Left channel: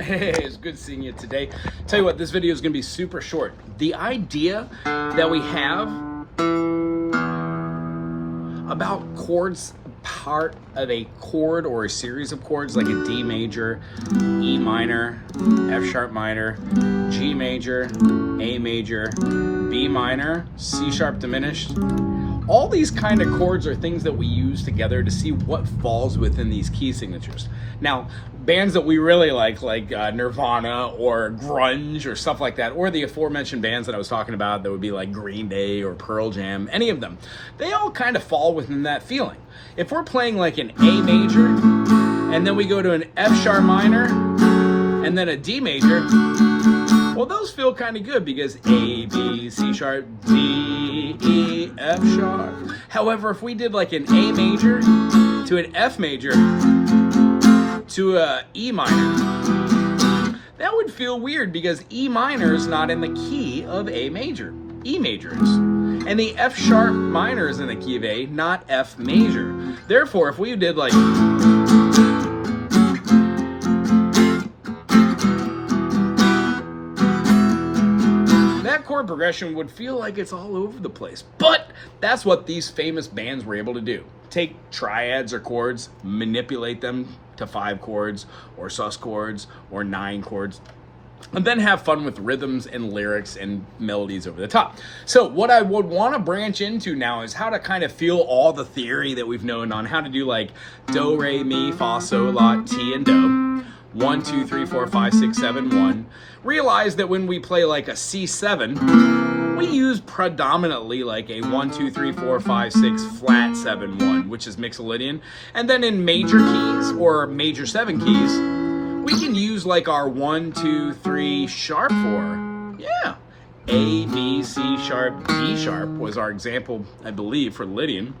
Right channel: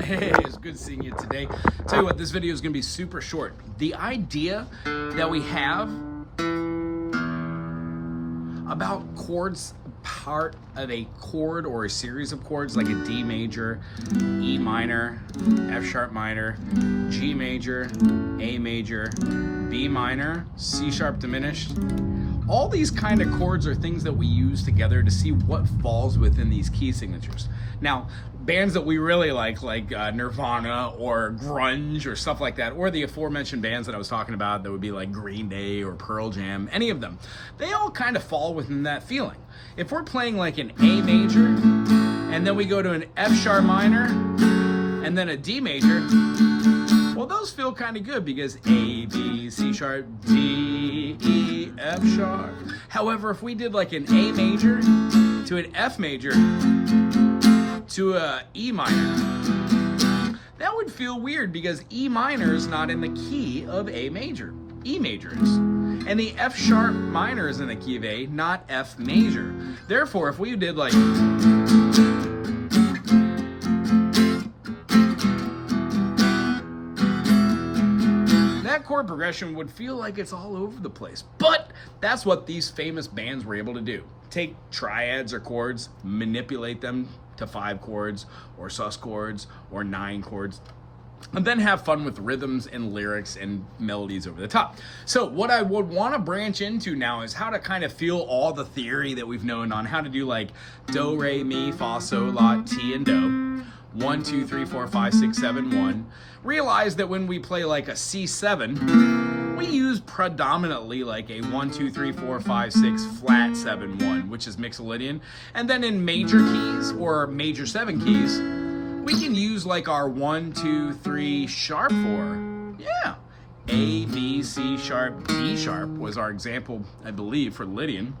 Hey, it's good seeing you today. Tell you what, this video is going to be super short. The idea that we have about chords, part of a chord or a series of chords like a D major, E minor, F sharp minor, G major, A major, B minor, C sharp diminished. All these kind of chords are things that we use together to see what falls within these key signatures. Now, bands that we really like Nirvana or grunge or stuff like that, or the aforementioned bands that I was talking about that would be like Green Day or Pearl Jam, any of them, they all kind of fall within that feeling. If we're playing like an A major, and then we go to an F sharp minor, and then a D major, well, those feel kind of good because A, B, C sharp, D, E, F sharp. However, if we did like an A major to an F major to a E minor, that would feel weird because E minor is not in the key of A major. E major is. And the F sharp minor is in the key of A, not F major. Therefore, if we did like chord progression would feel like it's all over the place. But that's what these famous bands were able to do. Take triads or chords, manipulate them to 5 chords or sus chords or 9 chords, and then have fun with rhythms and lyrics and melodies over the top. So what I would want to branch into now is how to kind of feel all the theory that we've known on how to do like do, re, mi, fa, sol, la, ti, and do. 1, 2, 3, 4, 5, 6, 7, 1. Realize that when we play like a C7, we use predominantly like a 1, 2, 3, 4, 5, 6 flat 7, 1, which is mixed Lydian. And then in major keys or major 7 keys, we can use like our 1, 2, 3 sharp 4. Yeah. A, B, C sharp, D sharp was our example, I believe, for Lydian.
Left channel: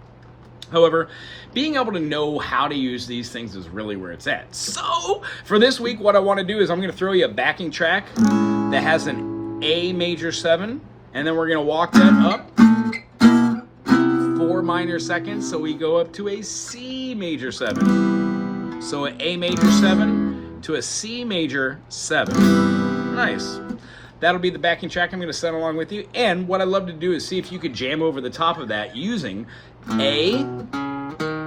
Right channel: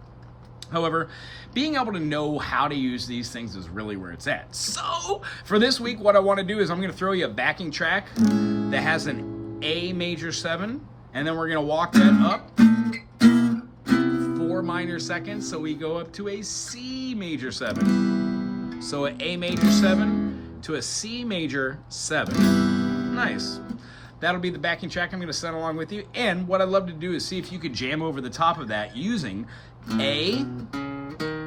However, being able to know how to use these things is really where it's at. So, for this week, what I want to do is I'm going to throw you a backing track that has an A major 7, and then we're going to walk that up 4 minor seconds, so we go up to a C major 7. So an A major 7 to a C major 7. Nice. That'll be the backing track I'm going to send along with you. And what I'd love to do is see if you could jam over the top of that using A,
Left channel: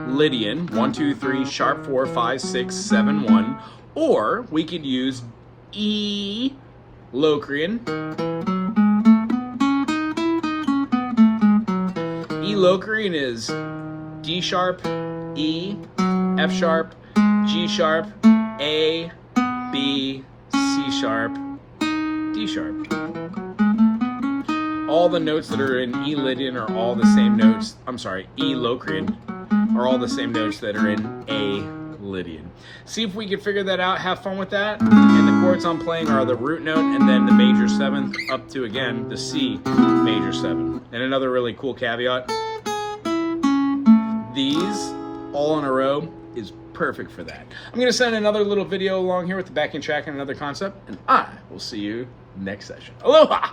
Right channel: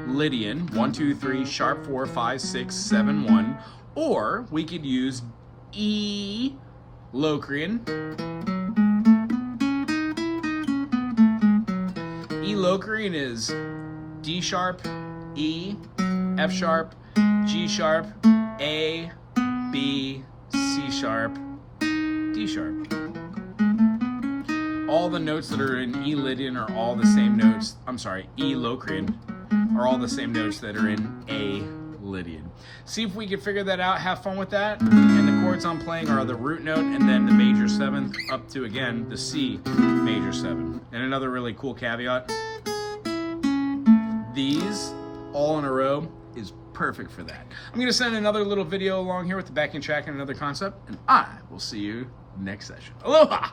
Lydian, 1, 2, 3, sharp 4, 5, 6, 7, 1. Or we could use E, Locrian. E, Locrian is D sharp, E, F sharp, G sharp, A, B, C sharp, D sharp. All the notes that are in E Lydian are all the same notes. I'm sorry, E Locrian are all the same notes that are in A Lydian. See if we can figure that out, have fun with that. And the chords I'm playing are the root note and then the major 7th up to, again, the C major 7. And another really cool caveat, these all in a row is perfect for that. I'm going to send another little video along here with the backing track and another concept, and I will see you next session. Aloha!